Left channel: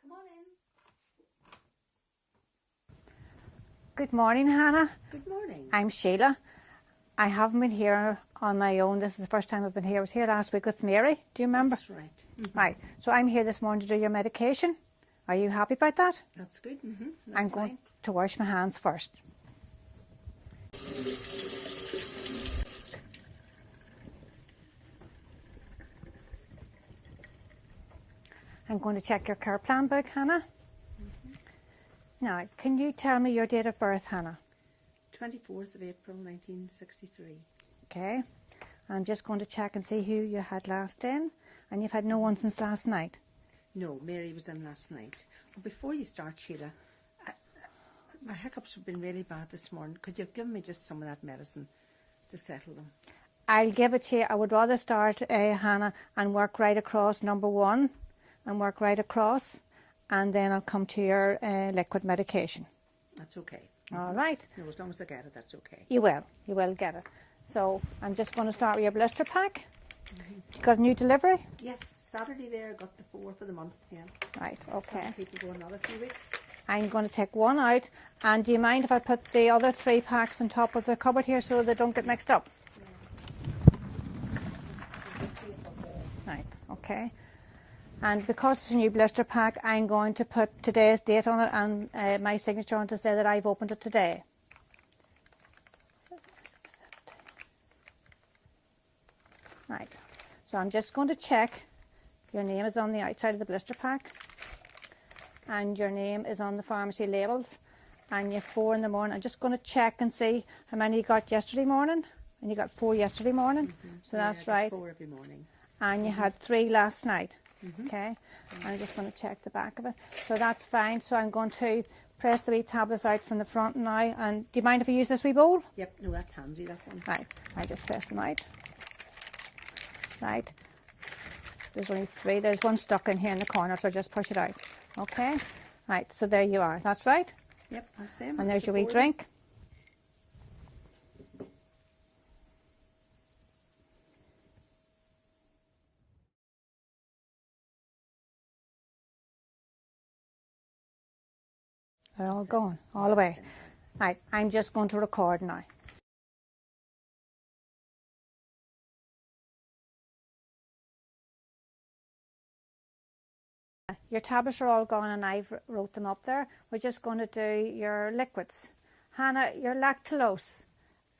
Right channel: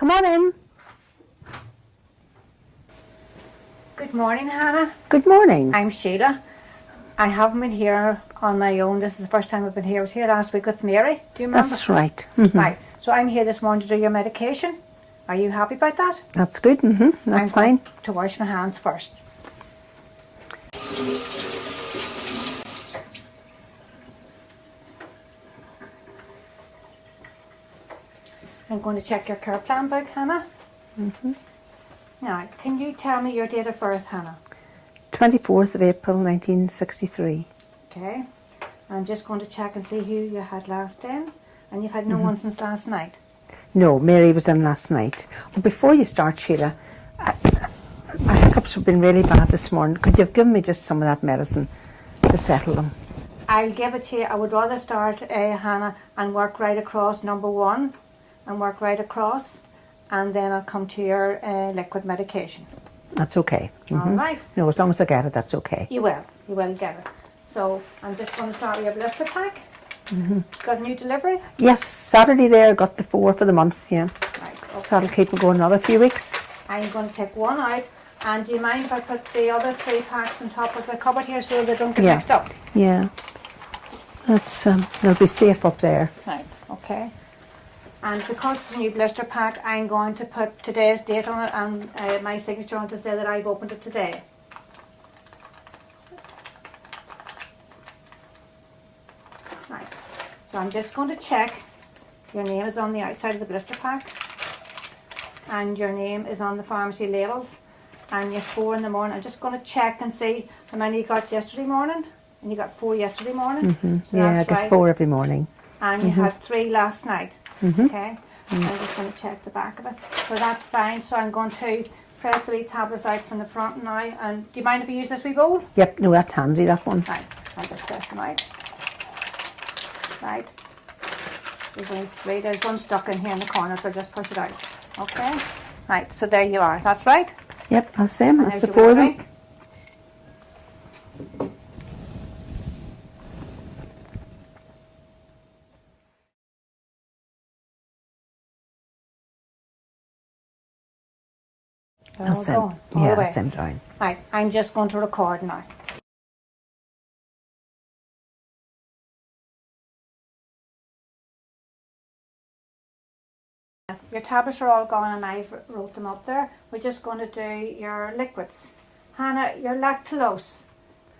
Come on in. Good morning, Hannah. Good morning. I'm Sheila. I haven't been here on my own. This is the first time I've been here. I was here last week with Mary. Do you remember? That's right. Right. So I'm here this morning to do your medication. Are you happy about that? That's good. That's fine. I'm to wash my hands first. I'm going to check your care plan book, Hannah. Now, can you tell me your date of birth, Hannah? 24th of April 1963. Okay. I'm just going to check and see who you had last in. And you've had no one since last night? No, Mary was in last night. Well, before you start, Sheila, my hiccups have been really bad this morning. Could you have given me just some of that medicine to settle them? I'll give it to you. I would rather start, Hannah, and work right across number 1 and work right across, and then I'll come to your liquid medication. That's okay. All right. No, as long as I get it, that's okay. You will get it. So I'm just going to start with your blister pack. Got a new delivery? Yes, Saturday there, got the 4 for the month, yeah. Right, So okay. that'll keep it going another few weeks. I'm going to take one out, and do you mind if I put the other 3 packs on top of the cupboard here so they don't get Yeah. mixed up? Yeah. That's, they'll be safe up there. Right, okay. And because it's a new blister pack, I'm going to put today's date on it and my signature on to say that I've opened it today. Right, so I'm just going to check. Your name is on the outside of the blister pack, and your name is on the pharmacy labels, and you're 4 in the morning. I'm just going to check and see how many you got yesterday morning, and you got 4 yesterday morning. So Yeah, I that's get right. 4 every morning. And you had 3 last night. Okay, I'm just going to check the back of it. So that's fine. So I'm going to press the wee tablets out from the front now. And do you mind if I use this wee bowl? Yep, no, that's handy, that one. Right, I'll just press them out. Right, there's only 3. There's one stuck in here in the corner, so just push it out. Okay, right, so there you are. That's right. Yep, that's them. And That's there's the your 4 wee of them. drink. They're all That's them. gone, all Yeah, the way. that's them down. Right, I'm just going to record now. Your tablets are all gone and I've wrote them up there. We're just going to do your liquids. Hannah, your lactulose.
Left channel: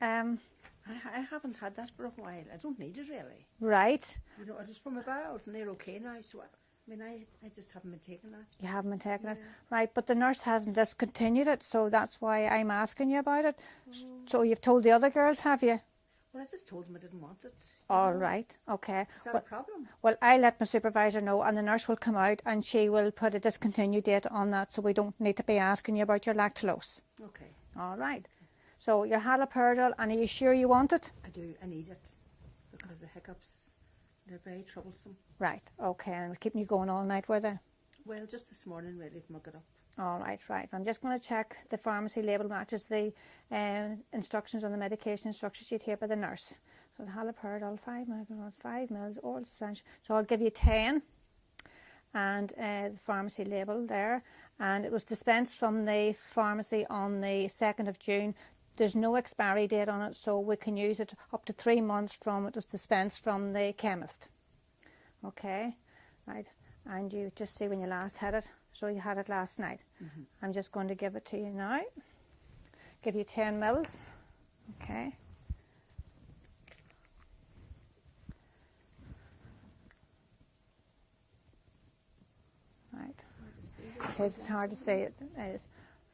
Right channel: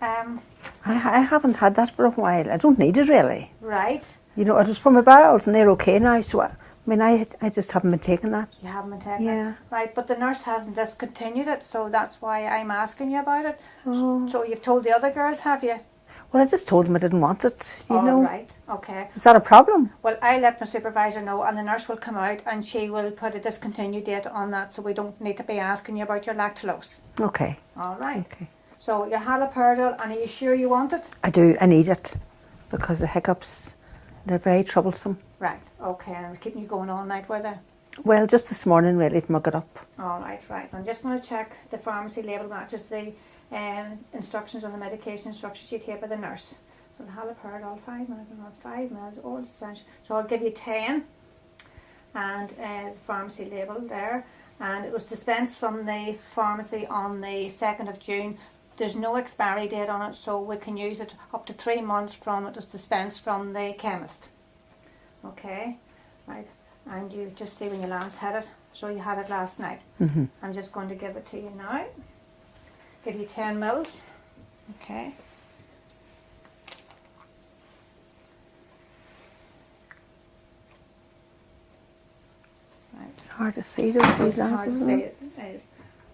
I haven't had that for a while. I don't need it really. Right, You know, it was for my bowels and they're okay now. So, I just haven't been taking that. you haven't been taking Yeah. it. Right, but the nurse hasn't discontinued it, so that's why I'm asking you about it. Oh. So you've told the other girls, have you? Well, I just told them I didn't want it. You All know. right, okay. Is that a problem? Well, I'll let my supervisor know, and the nurse will come out and she will put a discontinued date on that, so we don't need to be asking you about your lactulose. Okay. All right. Okay. So your haloperidol, and are you sure you want it? I do. I need it because the hiccups, they're very troublesome. Right, okay, and keeping you going all night with it? Well, just this morning really from I got up. All right, right. I'm just going to check the pharmacy label matches the instructions on the medication instruction sheet here by the nurse. So the haloperidol, 5 milligrams, 5 mils, oral suspension. So I'll give you 10, and the pharmacy label there. And it was dispensed from the pharmacy on the 2nd of June. There's no expiry date on it, so we can use it up to 3 months from it was dispensed from the chemist. Okay, right. And you just see when you last had it. So you had it last night. I'm just going to give it to you now. Give you 10 mils. Okay. Right. It's hard to see those It's hard to glasses. see. isn't it? It is.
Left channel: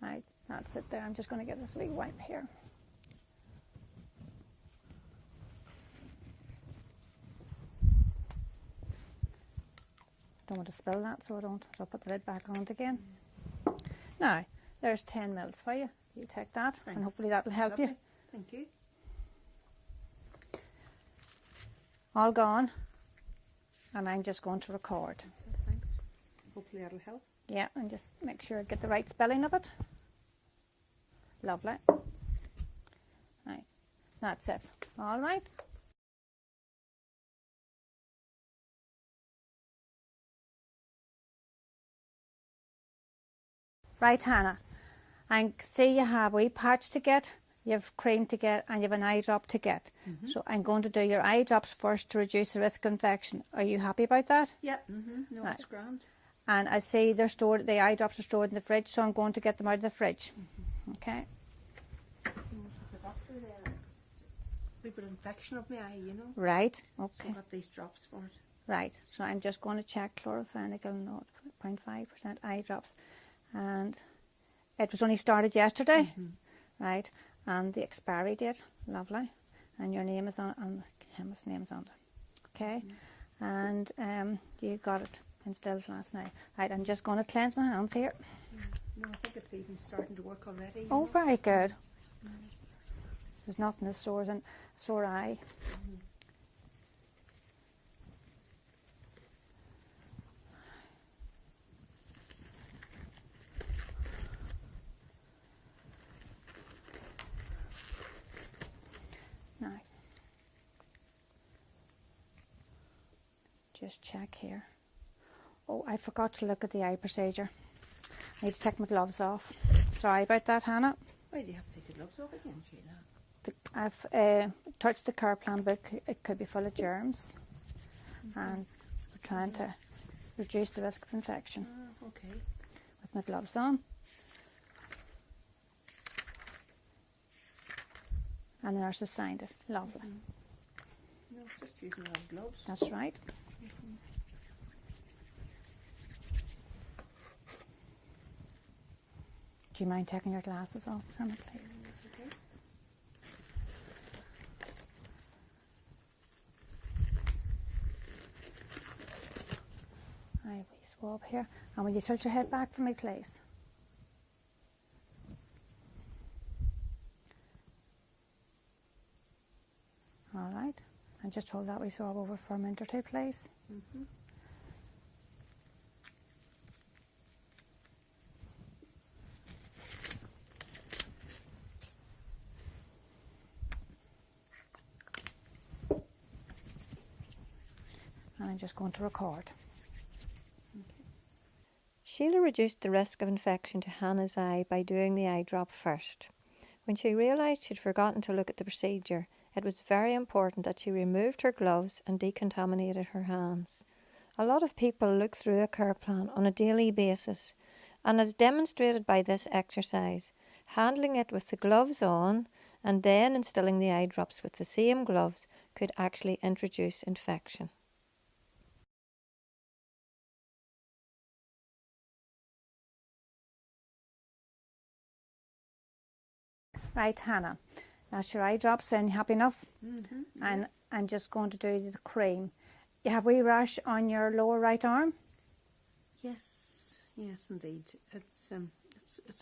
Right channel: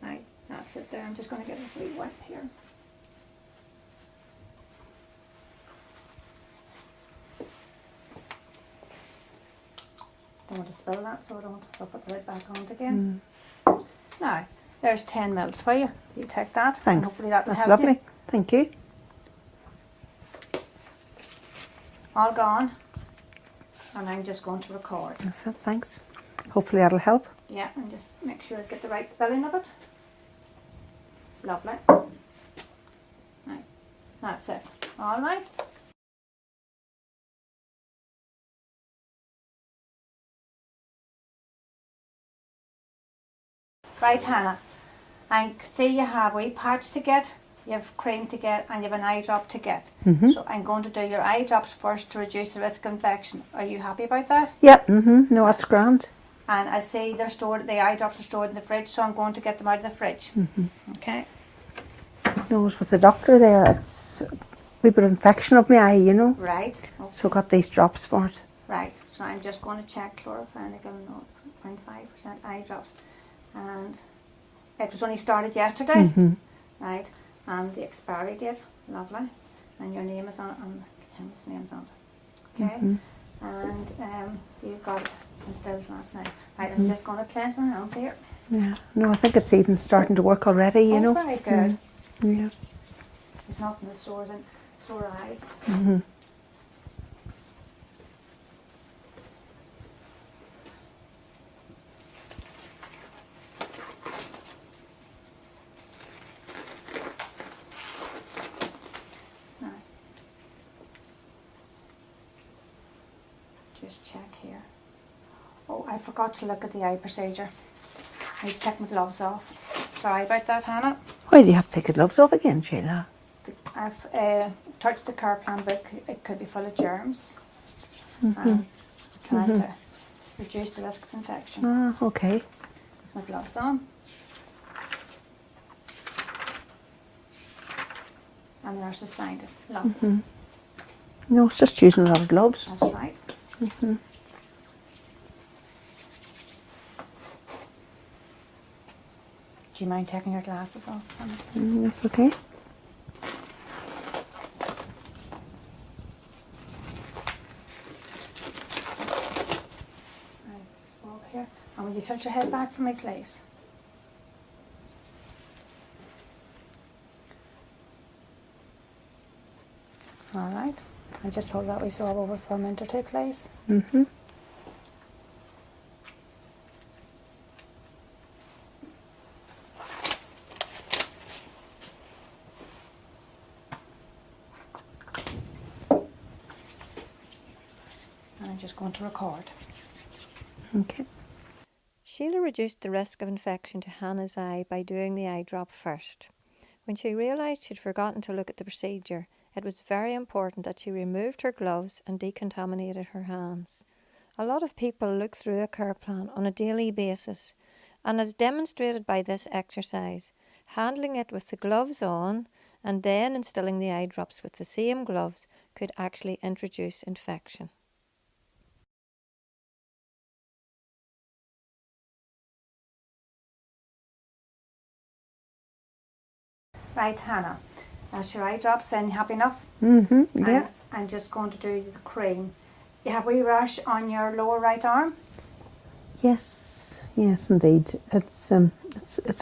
Right. That's it there. I'm just going to get this wee wipe here. Don't want to spill that, so I don't. So I'll put the lid back on it again. Now, there's 10 mils for you. You take that. And Thanks. hopefully that will That's help lovely. you. Thank you. All gone. And I'm just going to record. That's it. Thanks. Hopefully that'll help. Yeah, and just make sure I get the right spelling of it. Lovely. Right. That's it. All right. Right, Hannah. I see you have a wee patch to get, you have cream to get, and you have an eye drop to get. So I'm going to do your eye drops first to reduce the risk of infection. Are you happy about that? Yep, no, that's grand. And I see they're stored, the eye drops are stored in the fridge, so I'm going to get them out of the fridge. Okay. No, I was with the doctor there. It's a wee bit of infection of my eye, you know. Right. Okay. So I got these drops for it. Right. So I'm just going to check chlorophynicum 0.5% eye drops. And it was only started yesterday. Right. And the expiry date, lovely. And your name is on it, and the chemist's name's on it. Okay. And you got it instead of last night. Right, I'm just going to cleanse my hands here. Yeah. No, I think it's even starting to work already, you know. Very good. Yeah. There's nothing as sore than sore eye. Right. Just check here. Oh, I forgot to look at the eye procedure. I need to take my gloves off. Sorry about that, Hannah. Why do you have to take the gloves off again, Sheila? I've touched the care plan book. It could be full of germs. I'm trying to reduce the risk of infection. Ah, okay. With my gloves on. And the nurse has signed it. Lovely. No, it's just using a lot of gloves. That's right. Do you mind taking your glasses off? That's okay. Right, swab here. And will you tilt your head back for me, please? All right. And just hold that wee swab over for a minute or two, please. And I'm just going to record. Okay. Sheila reduced the risk of infection to Hannah's eye by doing the eye drop first. When she realised she'd forgotten to look at the procedure, it was very important that she removed her gloves and decontaminated her hands. A lot of people look through a care plan on a daily basis, and as demonstrated by this exercise, handling it with the gloves on and then instilling the eye drops with the same gloves could actually introduce infection. Right, Hannah. That's your eye drops in. You happy enough? Yeah. And I'm just going to do the cream. You have a wee rash on your lower right arm? Yes, indeed. It's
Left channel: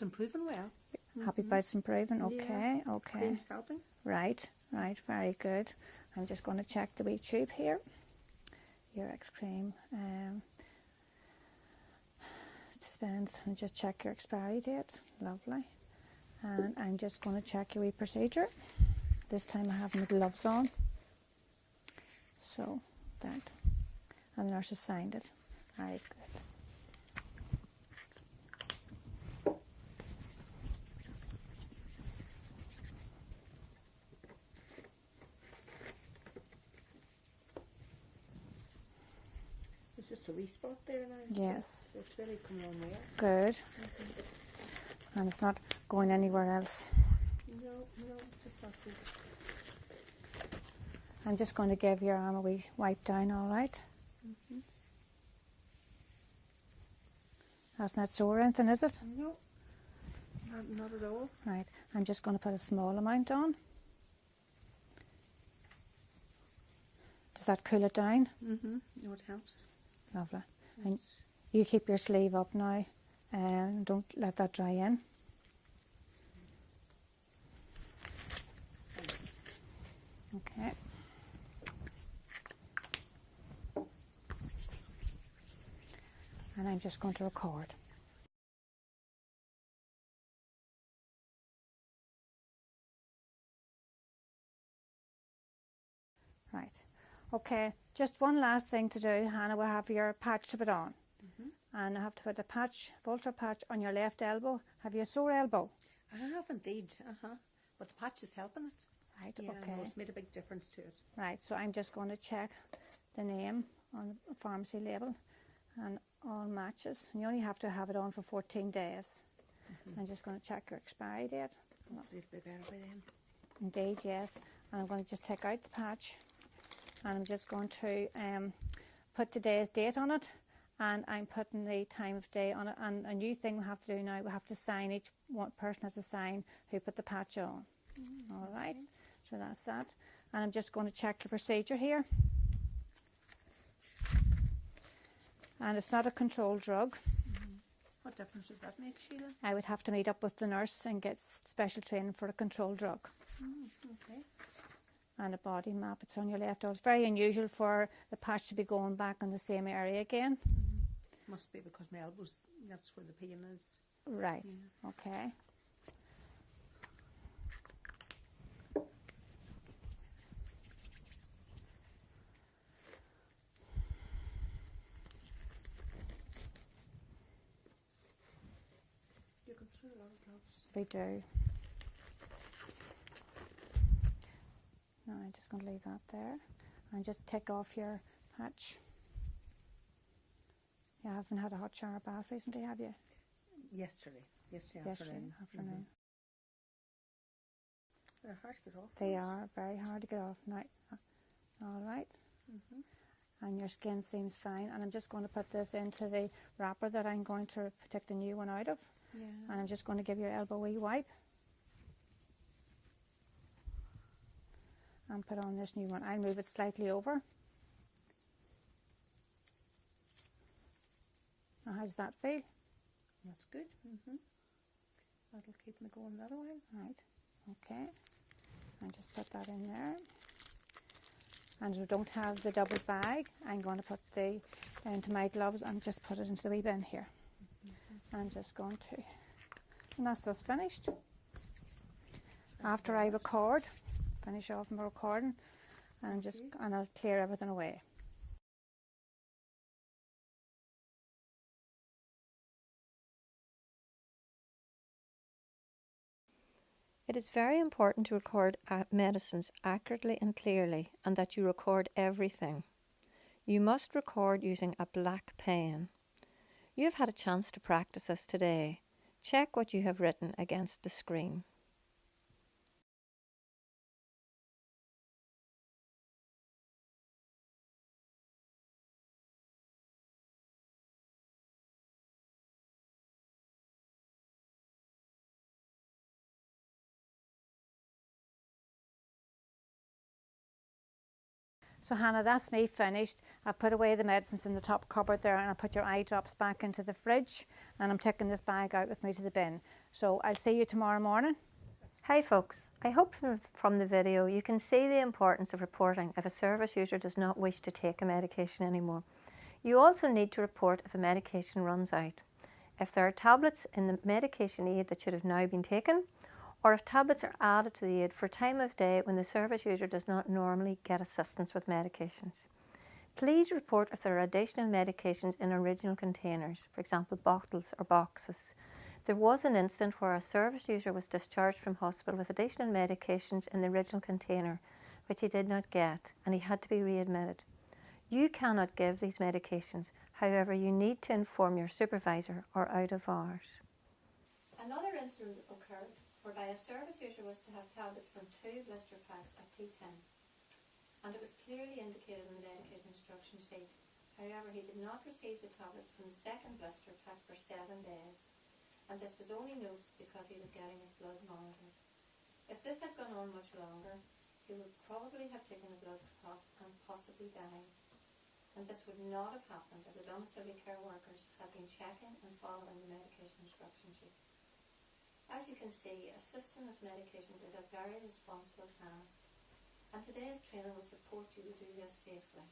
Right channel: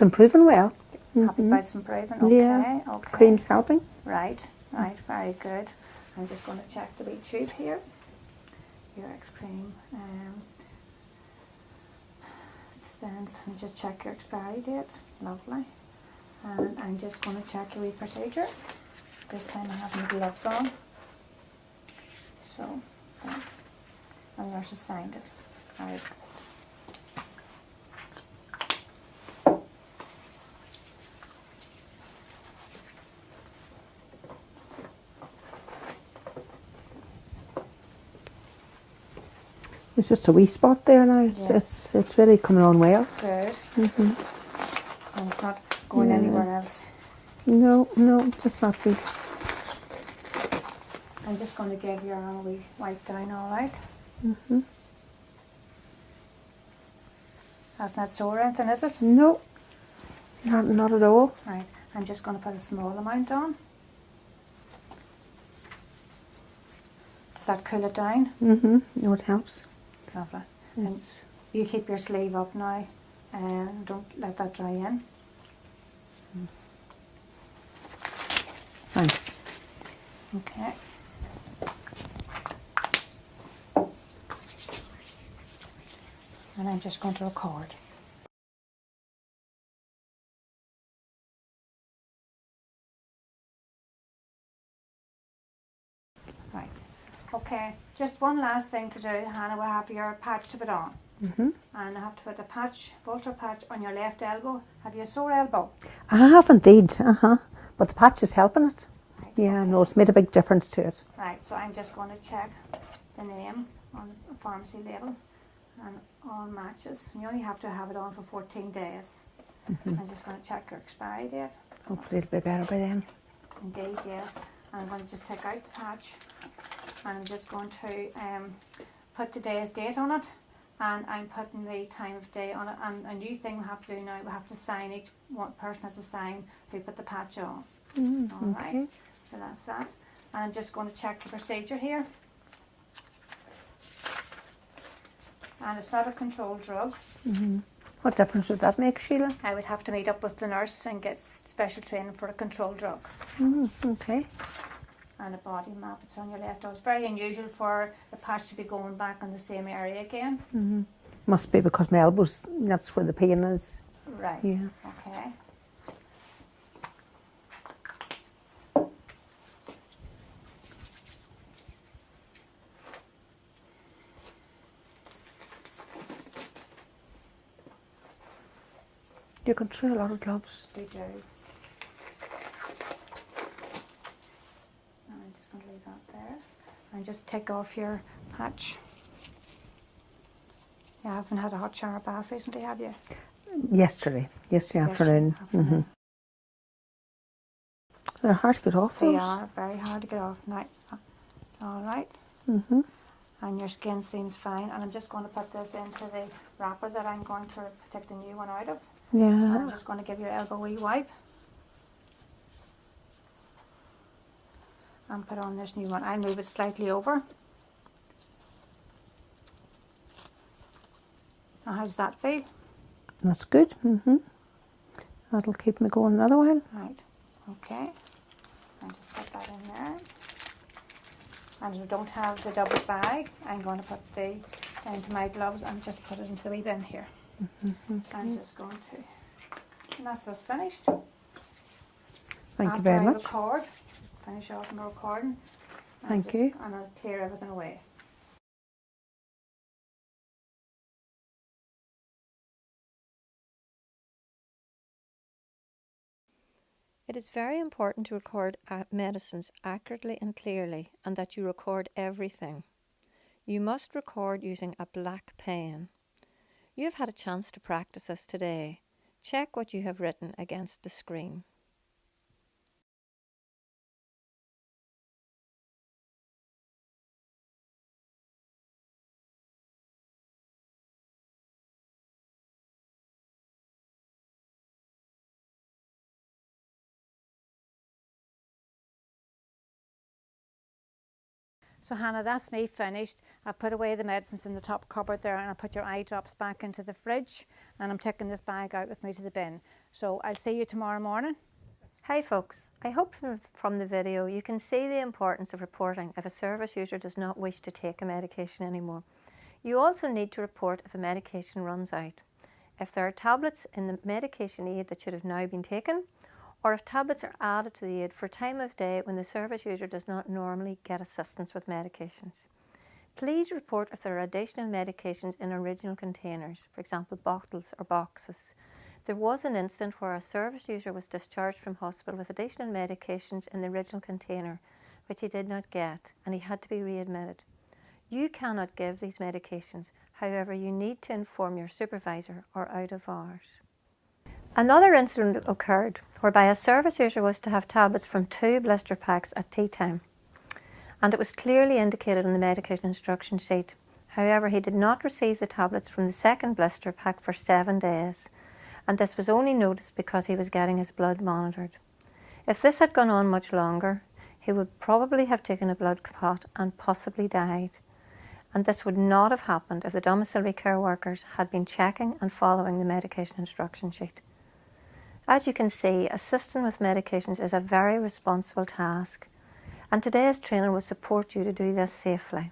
improving well. Happy about it's improving? Okay, Yeah. okay. Cream's helping. Right, very good. I'm just going to check the wee tube here. Your X cream. Dispense. And just check your expiry date. Lovely. And I'm just going to check your wee procedure. This time I have my gloves on. So, that. And the nurse has signed it. All right. It's just a wee spot there now. Yeah. It's really coming on well. Good. And it's not going anywhere else. No, just not the. I'm just going to give your arm a wee wipe down, all right? That's not sore or anything, is it? No, not at all. Right. I'm just going to put a small amount on. Does that cool it down? No, it helps. Lovely. And you keep your sleeve up now and don't let that dry in. Thanks. Okay. And I'm just going to record. Right. Okay, just one last thing to do, Hannah. We'll have your patch to put on. And I have to put a patch, Volta patch on your left elbow. Have you a sore elbow? I have indeed, but the patch is helping it. Right, Yeah, okay. no, it's made a big difference to it. Right, so I'm just going to check the name on the pharmacy label and all matches. You only have to have it on for 14 days. I'm just going to check your expiry date. Hopefully it'll be better by then. Indeed, yes. And I'm going to just take out the patch and I'm just going to put today's date on it, and I'm putting the time of day on it. And a new thing we have to do now, we have to sign, each one person has to sign who put the patch on. All right, so that's that. And I'm just going to check the procedure here. And it's not a controlled drug. What difference would that make, Sheila? I would have to meet up with the nurse and get special training for a controlled drug. Okay. And a body map, it's on your left. It was very unusual for the patch to be going back on the same area again. Must be because my elbows, that's where the pain is. Right, Yeah. okay. You can throw a lot of gloves. We do. Now I'm just going to leave that there. And just take off your patch. You haven't had a hot shower bath recently, have you? Yesterday afternoon. They're hard to get off They those. are very hard to get off. Now, all right. And your skin seems fine. And I'm just going to put this into the wrapper that I'm going to take the new one out of. And Yeah. I'm just going to give your elbow a wee wipe. And put on this new one. I'll move it slightly over. Now how does that feel? That's good. That'll keep me going another while. Right, okay. I'll just put that in there. And as we don't have the double bag, I'm going to put the into my gloves and just put it into the wee bin here. I'm just going to. And that's us finished. Thank you After very I much. record, finish off my recording. Thank you. And I'll clear everything away. It is very important to record medicines accurately and clearly, and that you record everything. You must record using a black pen. You have had a chance to practice this today. Check what you have written against the screen. So Hannah, that's me finished. I put away the medicines in the top cupboard there, and I put your eye drops back into the fridge, and I'm taking this bag out with me to the bin. So I'll see you tomorrow morning. Hi folks, I hope from the video you can see the importance of reporting if a service user does not wish to take a medication anymore. You also need to report if a medication runs out, if there are tablets in the medication aid that should have now been taken, or if tablets are added to the aid for time of day when the service user does not normally get assistance with medications. Please report if there are additional medications in original containers, for example bottles or boxes. There was an incident where a service user was discharged from hospital with additional medications in the original container which he did not get, and he had to be readmitted. You cannot give these medications, however you need to inform your supervisor or out of hours. Another incident occurred whereby a service user was to have tablets from 2 blister packs at tea time, and it was clearly indicated on the medication instruction sheet. However, he did not receive the tablets from the second blister pack for 7 days, and this was only noticed because he was getting his blood monitored. If this had gone on much longer, he would probably have taken a blood clot and possibly died. And this would not have happened if the domiciliary care workers had been checking and following the medication instruction sheet. As you can see, assisting with medications is a very responsible task, and today's training will support you to do this safely.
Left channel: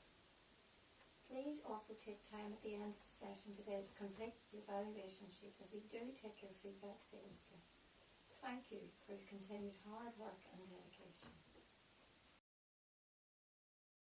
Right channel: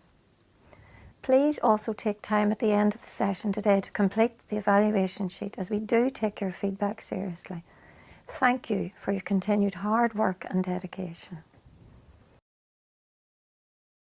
Please also take time at the end of the session today to complete the evaluation sheet, as we do take your feedback seriously. Thank you for your continued hard work and dedication.